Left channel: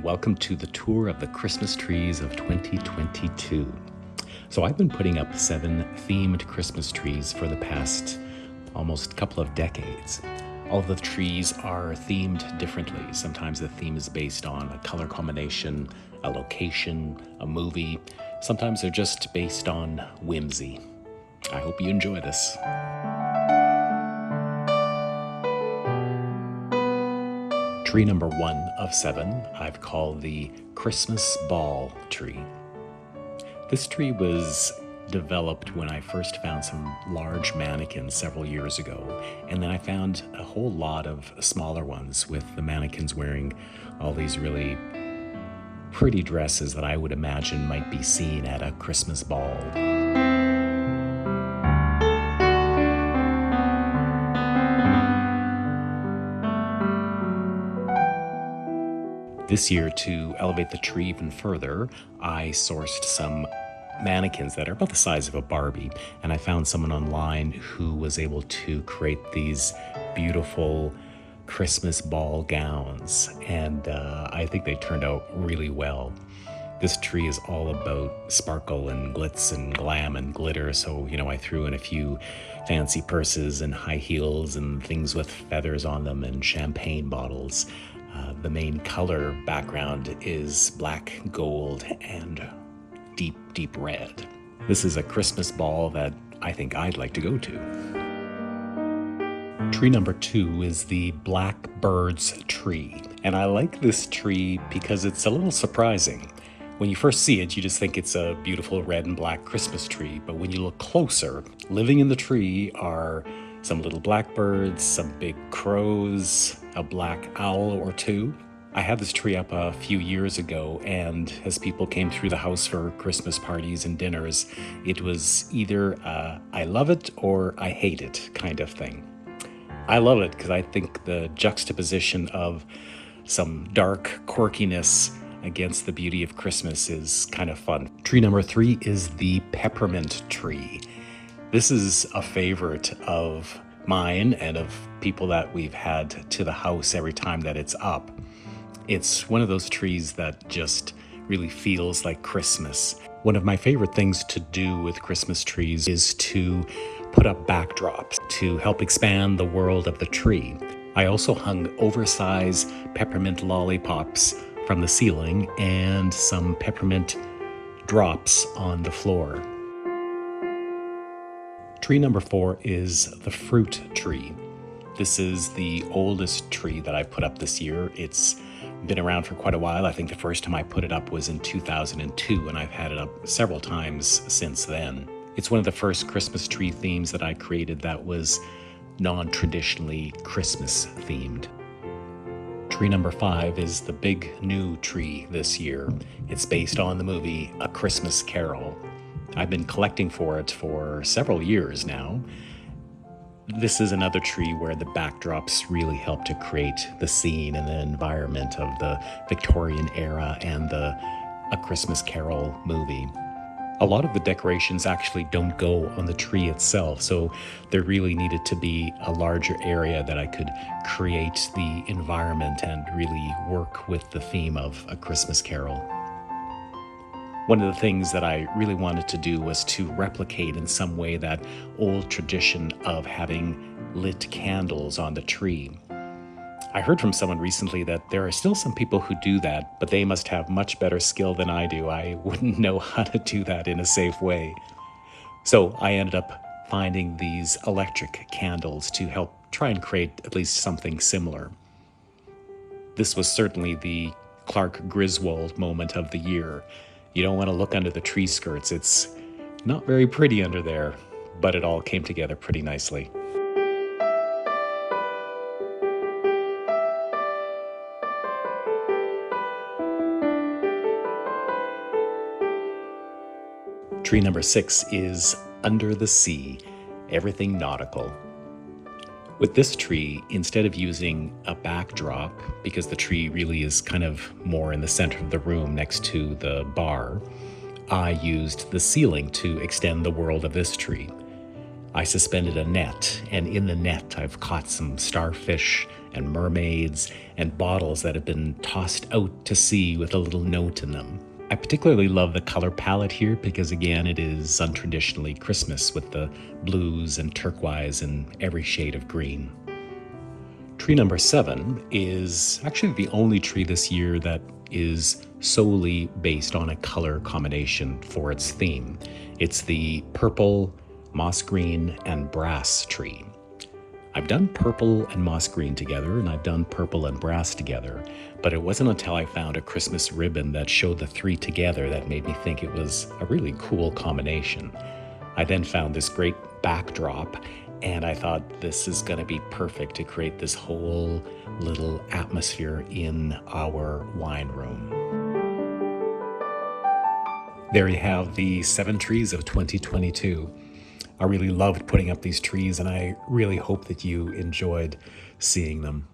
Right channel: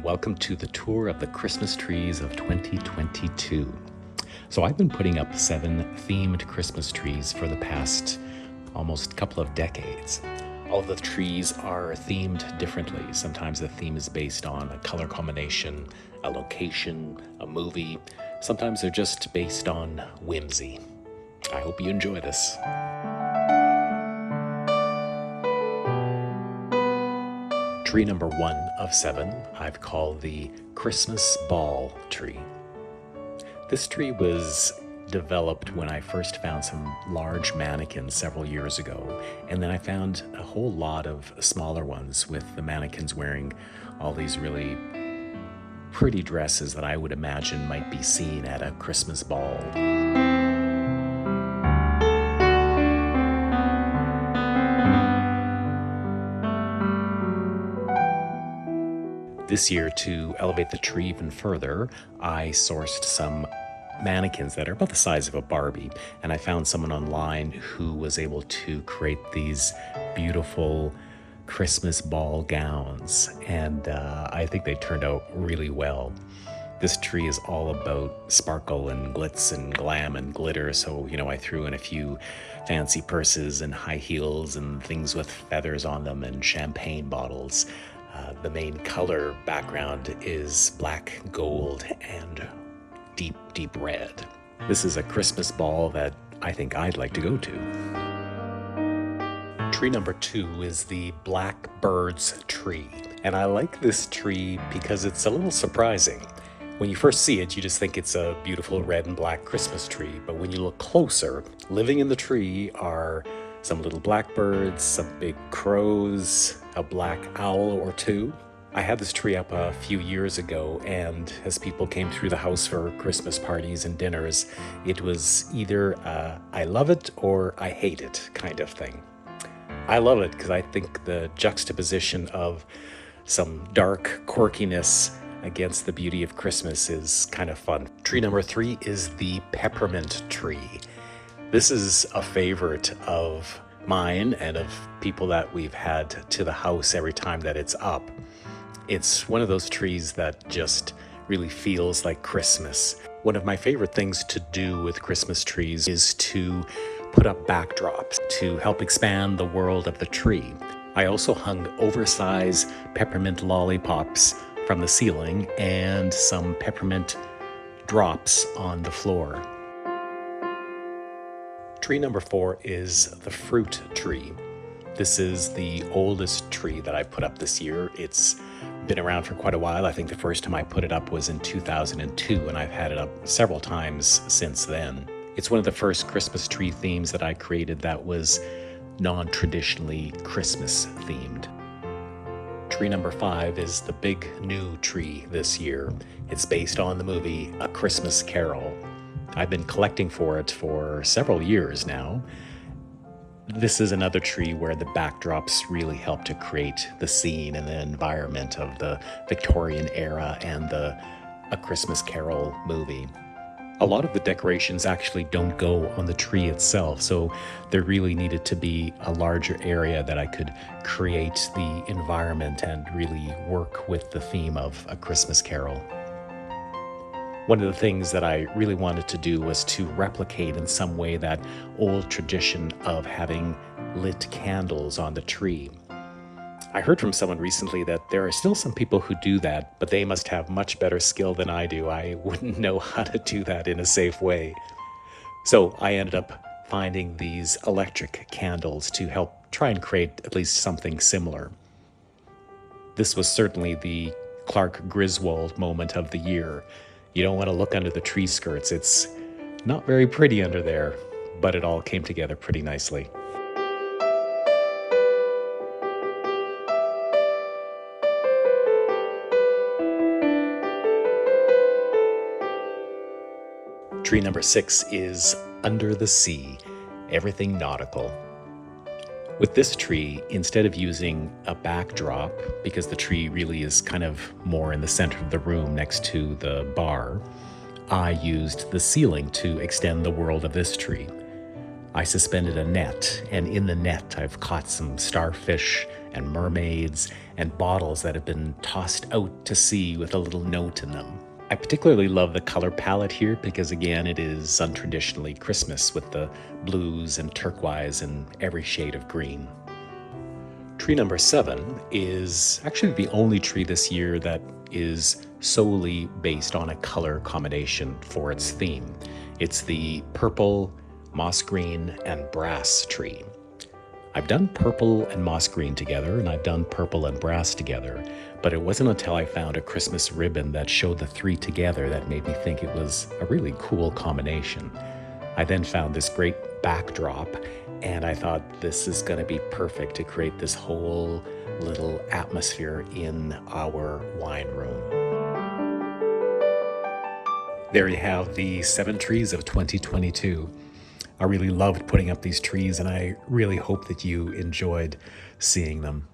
and welcome to the tour of the Christmas trees of 2022. So I've been putting up 7 themed Christmas trees for the past almost couple of decades. All of the trees are themed differently. Sometimes the theme is based on a color combination, a location, a movie. Sometimes they're just based on whimsy. I hope you enjoy this. Tree number 1 of 7 I've called the Christmas Ball tree. This tree was developed when I first found some large mannequins several years ago, and then I found a whole lot of smaller ones with the mannequins wearing all these really pretty dresses that I would imagine might be seen at a Christmas ball. This year, to elevate the tree even further, I sourced some mannequins that are about the size of a Barbie, and I found someone online who was able to create these beautiful Christmas ball gowns, and I think they turned out really well. This tree is all about sparkle and glitz and glam and glitter, so I threw in a few fancy purses and high heels and things with feathers on them and champagne bottles. The main color background is black, gold, and deep, deep red. This is a Christmas ball that I think I'd like to go to. Tree number 2 is the Blackbird's tree. And I like this tree because it's a little surprising. When you first see it, you just think it's a beautiful red and black Christmas tree. But when you look closer, living in the tree are some little blackbirds, some big crows, a black owl or two. I had this tree up a few years ago, and as people came through the house for Christmas parties and dinners, it was either I love it or I hate it kind of thing. I love it because I think the juxtaposition of some dark quirkiness against the beauty of Christmas is kind of fun. Tree number 3 is the Peppermint Tree. This is a favorite of mine and of people that we've had to the house every time that it's up. It's one of those trees that just really feels like Christmas. One of my favorite things to do with Christmas trees is to put up backdrops to help expand the world of the tree. I also hung oversized peppermint lollipops from the ceiling and some peppermint drops on the floor. Tree number 4 is the fruit tree. This is the oldest tree that I put up this year. It's been around for quite a while. I think the first time I put it up was in 2002, and I've had it up several times since then. It's one of the first Christmas tree themes that I created that was non-traditionally Christmas themed. Tree number 5 is the big new tree this year. It's based on the movie A Christmas Carol. I've been collecting for it for several years now. This is another tree where the backdrops really help to create the scene and the environment of the Victorian era and the A Christmas Carol movie. A lot of the decorations actually don't go on the tree itself, so there really needed to be a larger area that I could create the environment and really work with the theme of A Christmas Carol. One of the things that I really wanted to do was to replicate in some way that old tradition of having lit candles on the tree. I heard from someone recently that there are still some people who do that, but they must have much better skill than I do. I wouldn't know how to do that in a safe way. So I ended up finding these electric candles to help try and create at least something similar. This was certainly the Clark Griswold moment of the year. You don't want to look under the tree skirts. It's not very pretty under there, but it all came together pretty nicely. Tree number 6 is Under the Sea, Everything Nautical. With this tree, instead of using a backdrop, because the tree really is kind of more in the center of the room next to the bar, I used the ceiling to extend the world of this tree. I suspended a net, and in the net I've caught some starfish and mermaids and bottles that have been tossed out to sea with a little note in them. I particularly love the color palette here because, again, it is untraditionally Christmas with the blues and turquoise and every shade of green. Tree number 7 is actually the only tree this year that is solely based on a color combination for its theme. It's the purple, moss green, and brass tree. I've done purple and moss green together, and I've done purple and brass together, but it wasn't until I found a Christmas ribbon that showed the 3 together that made me think it was a really cool combination. I then found this great backdrop, and I thought this is going to be perfect to create this whole little atmosphere in our wine room. There you have the 7 trees of 2022. I really loved putting up these trees, and I really hope that you enjoyed seeing them.